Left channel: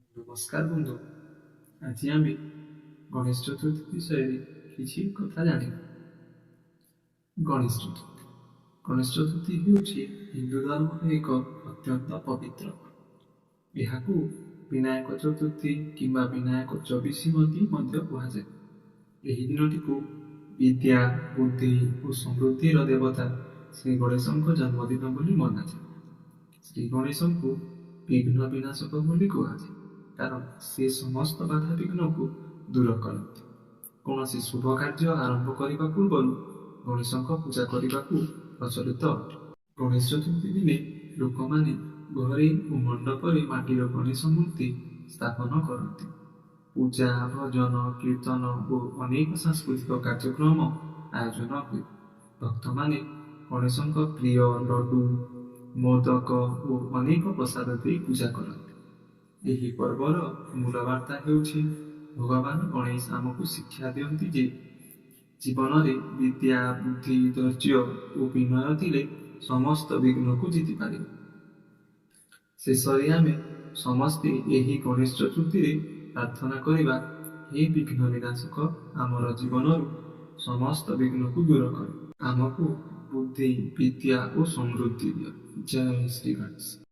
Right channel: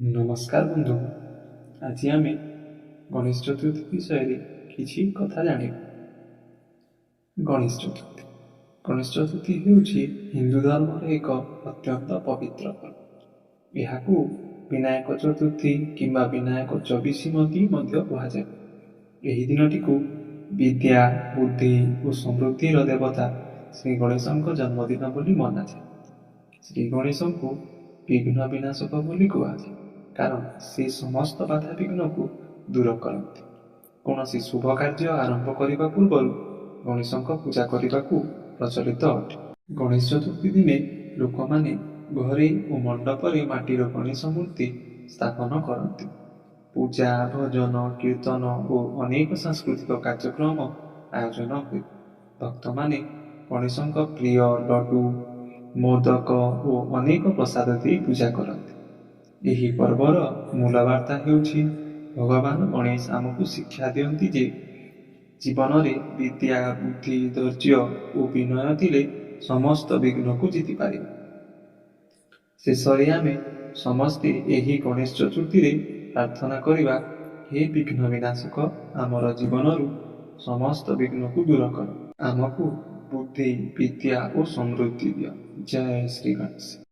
ନମସ୍କାର ବନ୍ଧୁ। ଆଜି ଆମେ ଗଣେଶ ଚତୁର୍ଥୀ ବିଷୟରେ କିଛି କଥା ଜାଣିବା। ଗଣେଶ ଚତୁର୍ଥୀ ହେଉଛି ହିନ୍ଦୁ ଧର୍ମର ଏକ ଅତ୍ୟନ୍ତ ପବିତ୍ର ପର୍ବ। ଏହାକୁ ବିନାୟକ ଚତୁର୍ଥୀ କିମ୍ବା ବିନାୟକ ଚବିଶିମତୀ ମଧ୍ୟ କୁହାଯାଏ। ଏହି ଦିନଟିକୁ ବିଦ୍ୟା, ବୁଦ୍ଧି ଓ ସମୃଦ୍ଧିର ଦେବତା ଶ୍ରୀ ଗଣେଶଙ୍କ ଜନ୍ମଦିନ ବୋଲି ମନାଯାଏ। ଶ୍ରୀ ଗଣେଶଙ୍କୁ ବିଘ୍ନ ବିନାଶକ ବୋଲି କୁହାଯାଏ, କାରଣ ସେ ସମସ୍ତ ବାଧା ବିଘ୍ନକୁ ଦୂର କରନ୍ତି। କୌଣସି ଶୁଭ କାର୍ଯ୍ୟ ଆରମ୍ଭ କରିବା ପୂର୍ବରୁ ଗଣେଶଙ୍କ ପୂଜା କରିବାକୁ ପ୍ରଚଳିତ ଅଟେ। ଗଣେଶ ଚତୁର୍ଥୀ ଦିନେ ଲୋକମାନେ ଘରେ ଓ ମଣ୍ଡପରେ ମାଟିର ଗଣେଶ ମୂର୍ତ୍ତି ସ୍ଥାପନ କରନ୍ତି। ପୂଜା, ଭଜନ, କୀର୍ତ୍ତନ ଓ ଅନେକ ସାଂସ୍କୃତିକ କାର୍ଯ୍ୟକ୍ରମ ଆୟୋଜନ ହୁଏ। ଭକ୍ତମାନେ ଗଣେଶଙ୍କ ପ୍ରିୟ ଲଡୁ, ମୋଦକ ଓ ଅନେକ ପ୍ରସାଦ ଦେଇ ପୂଜା କରନ୍ତି। ଏହି ପର୍ବର ମୂଳ ବାର୍ତ୍ତା ହେଉଛି, ଭଗବାନ ଗଣେଶ ଆମକୁ ଶିକ୍ଷା ଦିଅନ୍ତି ଯେ ଜୀବନରେ ବିଦ୍ୟା, ବୁଦ୍ଧି, ଧୈର୍ଯ୍ୟ ଓ ବିନୟ ଥିଲେ ସମସ୍ତ ବିଘ୍ନକୁ ଜିତିପାରିବ। ଶେଷରେ ଆମେ ସମସ୍ତେ ଏହି ଗଣେଶ ଚତୁର୍ଥୀରେ ପ୍ରାର୍ଥନା କରିବା, ହେ ବିଘ୍ନ ବିନାଶକ, ଆମର ଜୀବନରୁ ସମସ୍ତ ବିଘ୍ନକୁ ଦୂର କର। ଆମକୁ ବୁଦ୍ଧି, ବିଦ୍ୟା ଓ ସମୃଦ୍ଧି ଦିଅ। ଜୟ ଶ୍ରୀ ଗଣେଶ।